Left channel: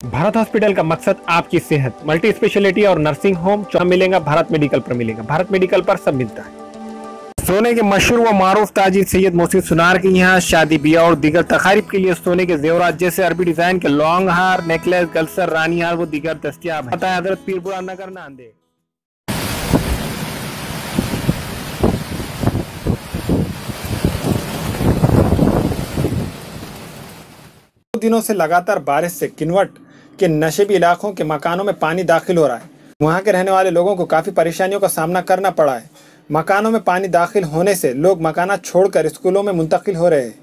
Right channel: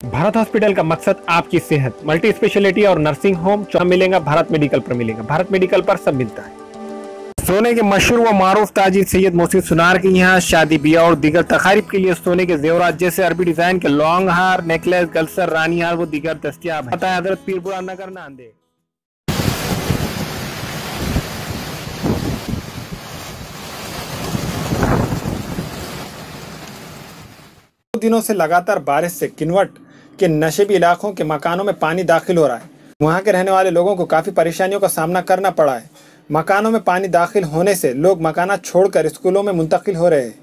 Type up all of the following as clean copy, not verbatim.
Bharat hospital का मकसद आपकी सेहत, मल्टी स्पेशलिटी और नर्सिंग होम मिलेगा। भारत मेडिकल पर मिलेगा। भारत मेडिकल पर सब मिलता है। सोने के मशहूर व मारूफ ताजिर सैयद मोहसिन सुनार के यहाँ शादी ब्याह और दीगर तकारीब के लिए सोने के जेवरात जैसे अरबी डिजाइन के लॉन्ग हार, नेकलेस, गलसर, रानी हार व दीगर दस्तियाब है। हजरत पीरपुरा नगर नांदेड़। दिनों से लगातार बारिश से किन्वट के नशेबी इलाकों के मकानों में पानी दाखिल हो रहा है। वहां के रहने वाले लोगों को काफी परेशानियों का सामना करना पड़ा है। मकानों में पानी दाखिल होने से लोग मकाना छोड़कर स्कूलों में मुंतकिल हो रहे हैं।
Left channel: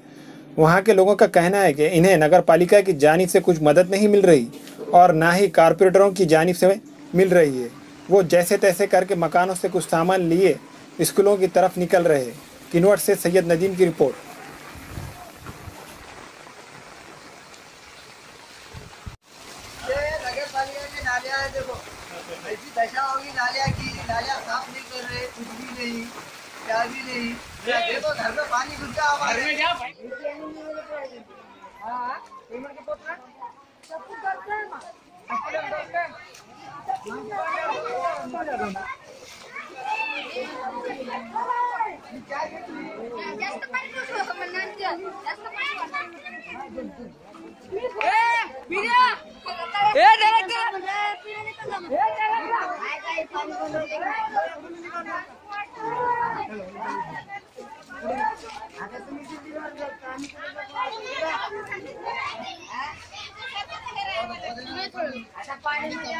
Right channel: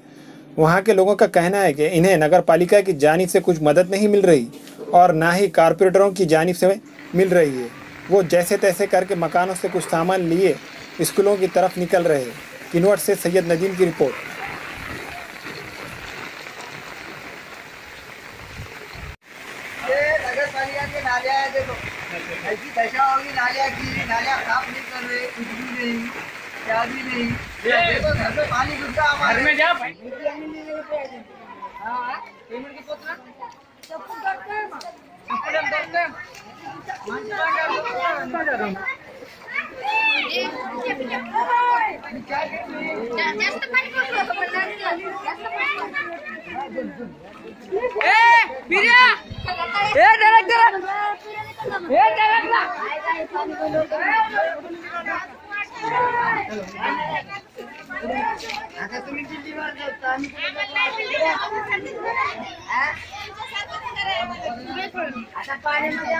वहां के लोगों का कहना है कि इन्हें नगर पालिका की जानिब से कुछ मदद नहीं मिल रही और ना ही कारपोरेटरों की जानिब से मिल रही है। वो जैसे तैसे करके मकानों से कुछ सामान लिए स्कूलों की तरफ निकल रहे हैं। किन्वट से सैयद नदीम की रिपोर्ट। देखो ऐसी दशा होगी, नालियाँ गिरी, नालियाँ साफ नहीं कर रहे, कुछ भी नहीं, क्या भी नहीं। देखो घर में पानी घुस गया हमारे। घर में जा भाई। हाँ, पेमेंट के पोतना? सब कुछ करते हैं माँ। सब कुछ हम करते हैं। आता तुम्ही दिल्लीवर जाता, आम्ही आता पाण्यामध्ये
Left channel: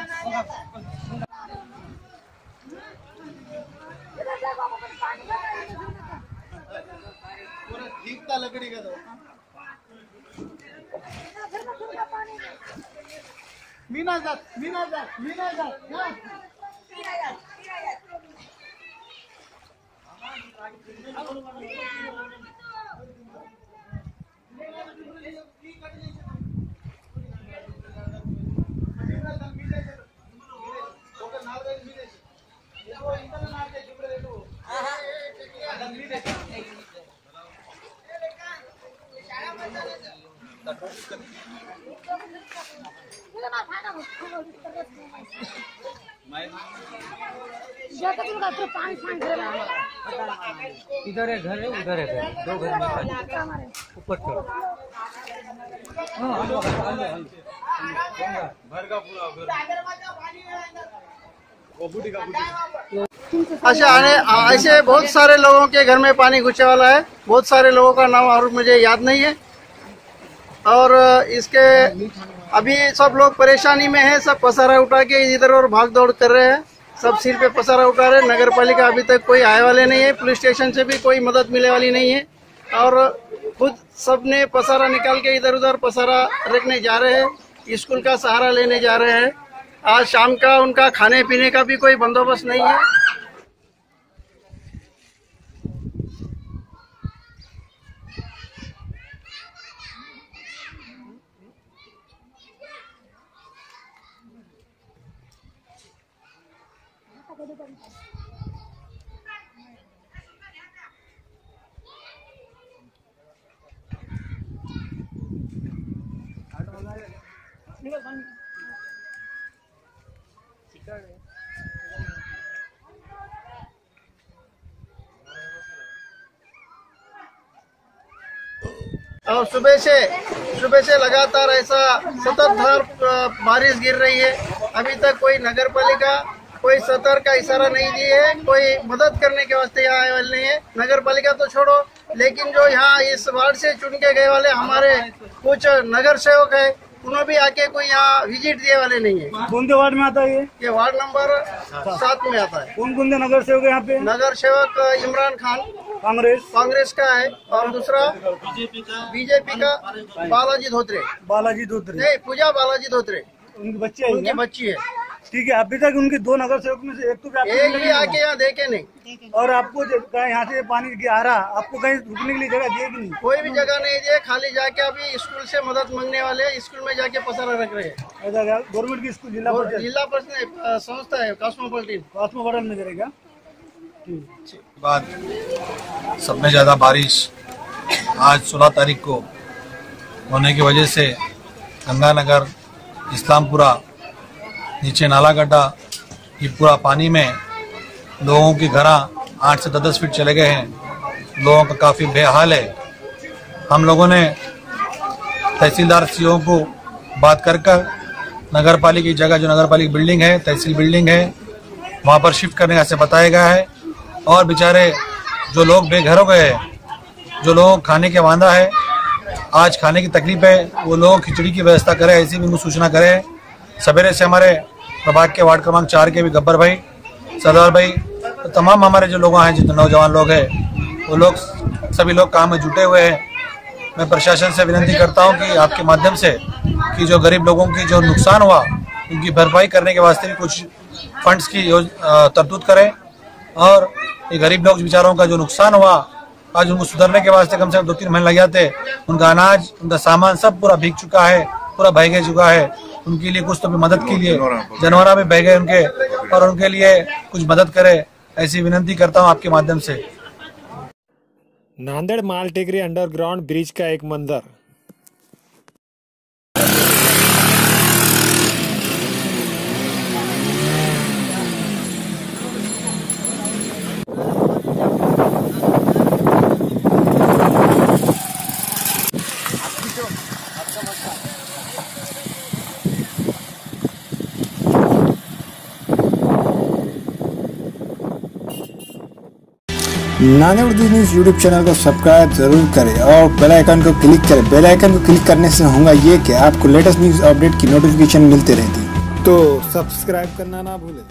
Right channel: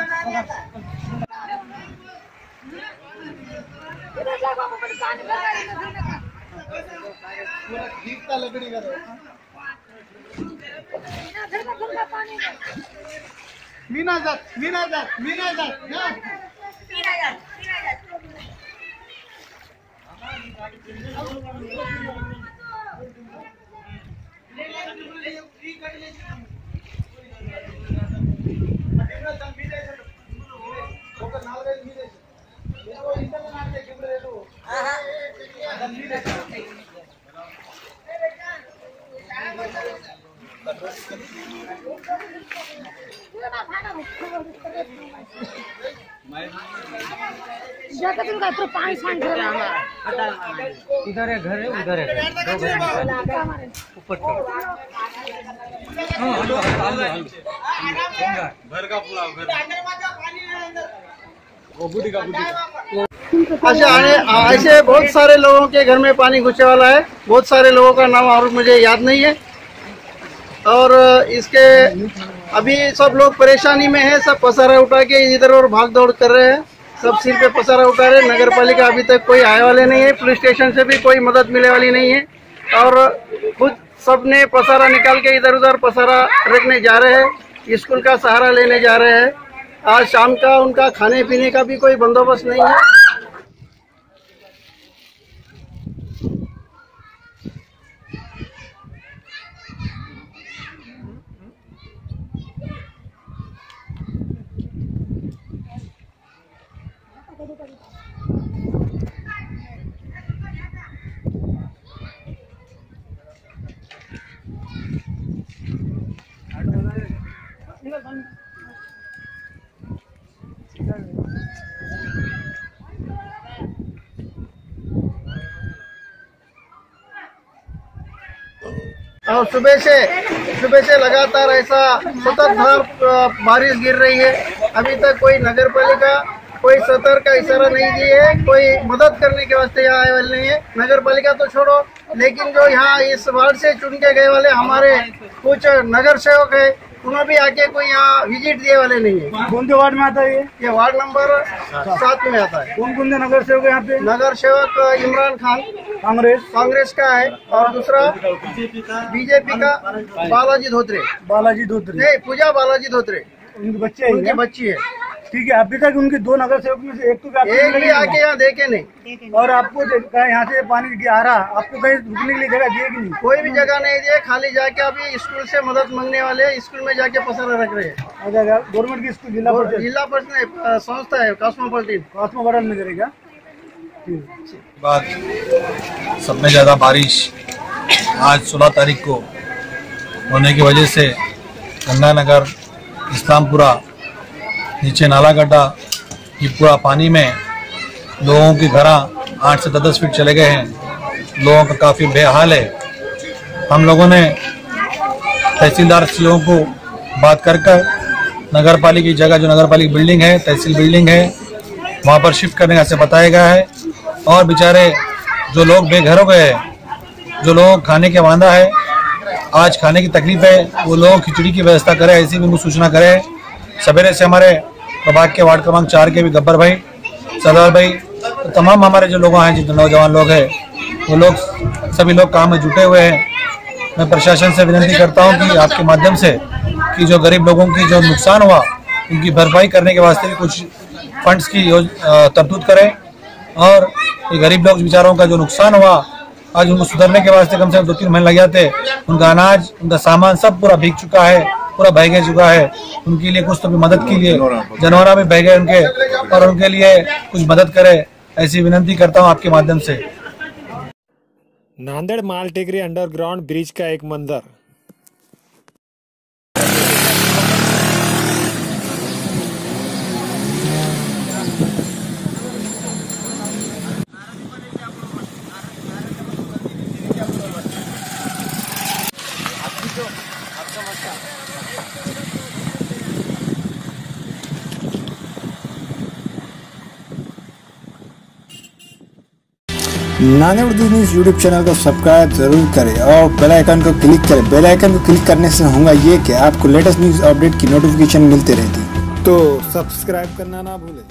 पूरा ठीक था लकड़ी का। मीना जात इधर है घर है, उधर है ऊपर घर का पूरा अच्छा। ऐसे बहुत सारे लोगों के घर में पानी घुसने वाला है। बहुत सारे लोगों का नाम और मुझे याद नहीं है। और इसके अभी सब लोग परेशानी में है। सब पसारा उठा के इधर और भाग दौड़ कर रहे हैं। सब सिर पे पसारा उठा रहे हैं। नगर पालिका अभी तक कोई आए वाले नहीं है। पुलिस स्टेशन से भी कोई मदद मिले वाली नहीं है। और खुद सब ने पसारा निकाल के इधर उधर पसारा रखने जा रहे हैं। स्कूल का सहारा लेने जा रहे हैं। आज शाम का उनका खाने पीने का भी कोई बंदोबस्त नहीं है। और सुबह से लगातार ऐसा सततधार बारिश गिर रही है। अभी तक कोई नगर पालिका कोई सतर्क का इशारा नहीं दिए है। कोई मदद करने के वास्ते यहाँ आए वाले नहीं है। नगर पालिका तो छोड़ो, लेकिन जो यहाँ इस वार्ड से चुन के गए वाले हमारे कुछ नगर सेवक है, उन्होंने भी आके कोई यहाँ विजिट दिए वाले नहीं है। कौन से वार्ड में आता है ये वार्ड नंबर 7 में आता है। कौन कौन से नगर सेवक है यहाँ पे? नगर सेवक इमरान खान कांग्रेस का है, और दूसरा बीजेपी का बालाजी धोत्रे नहीं, पूजा बालाजी धोत्रे। उनकी बच्ची है। ठीक है। अभी तक उनके 2 नगर सेवक में से एक भी आके यहाँ देखे नहीं। और आपको यहाँ से पानी आ रहा, आपको कहीं रुकने के लिए जगह दिए कि नहीं? कोई भी जगह नहीं दिए। खाली जाके अभी स्कूल से मदद मांगने वाले स्कूल में जाके पसारा रख रहे हैं। गवर्नमेंट की स्कूल जिला परिषद संस्था है कॉस्मोपॉलिटन में करेगा। बाद सब में ज़्यादा बारिश आज 16 तारीख को होने की वजह से गंगानगर इस्लामपुरा, नीचे नाला गड्ढा, ये पूरा पानी में लोगों के घर 8 से 10 फीट चले गए हैं। लोगों का काफ़ी बेहाल है। हम लोगों ने तहसीलदार सीओ को बात कर नगर पालिका की जगह, जो नगर पालिका बिल्डिंग है, तहसील बिल्डिंग है, वहाँ पर शिफ्ट करने का ऐसे बताया गया है। और बेचारे जो लोग बेघर हो गए हैं, जो लोग खाने के वांदा है, आज खाने की तकलीफ है, वो लोग खिचड़ी की व्यवस्था करें, ऐसी भी उनको सूचना करें। सवेरे से हमारे प्रभाग के वार्ड क्रमांक 4 के भी गब्बर भाई, सरदार भाई, तो तमाम हमारे जो लोग हैं, जितने नौजवान लोग हैं, वो लोग सभी लोग काम में जुटे हुए हैं। मैं प्रशासन से विनती करता हूं कि आपके माध्यम से कि जो गरीब लोगों की जो नुकसान हुआ, उनकी भरपाई करने के वास्ते भी कुछ फंड्स की तरतूद करें। और ये गरीब लोग बेचारों का जो नुकसान हुआ, आज उनको सुधरने के वास्ते कम से कम 2-3 महीने लग जाते। उनका अनाज, उनका सामान सब पूरा भीग चुका है, पूरा बह चुका है। उनके लिए कुछ तो भी मदद के लिए, जानवर भी बह गए उनके, और उनके लिए कुछ मदद करे, ऐसी विनती करता हूँ आपके माध्यम से। नांदेड़ मालटेकरी अंडरग्राउंड ब्रिज का एक मंजर। Nanded Urdu news YouTube channel को सब्सक्राइब जरूर करें और बेल आइकन को क्लिक करें। बेल आइकन को क्लिक करने से होगा ये कि आपको लेटेस्ट न्यूज़ अपडेट की नोटिफिकेशन मिलती रहती है, तो सब्सक्राइब करना ना भूलें।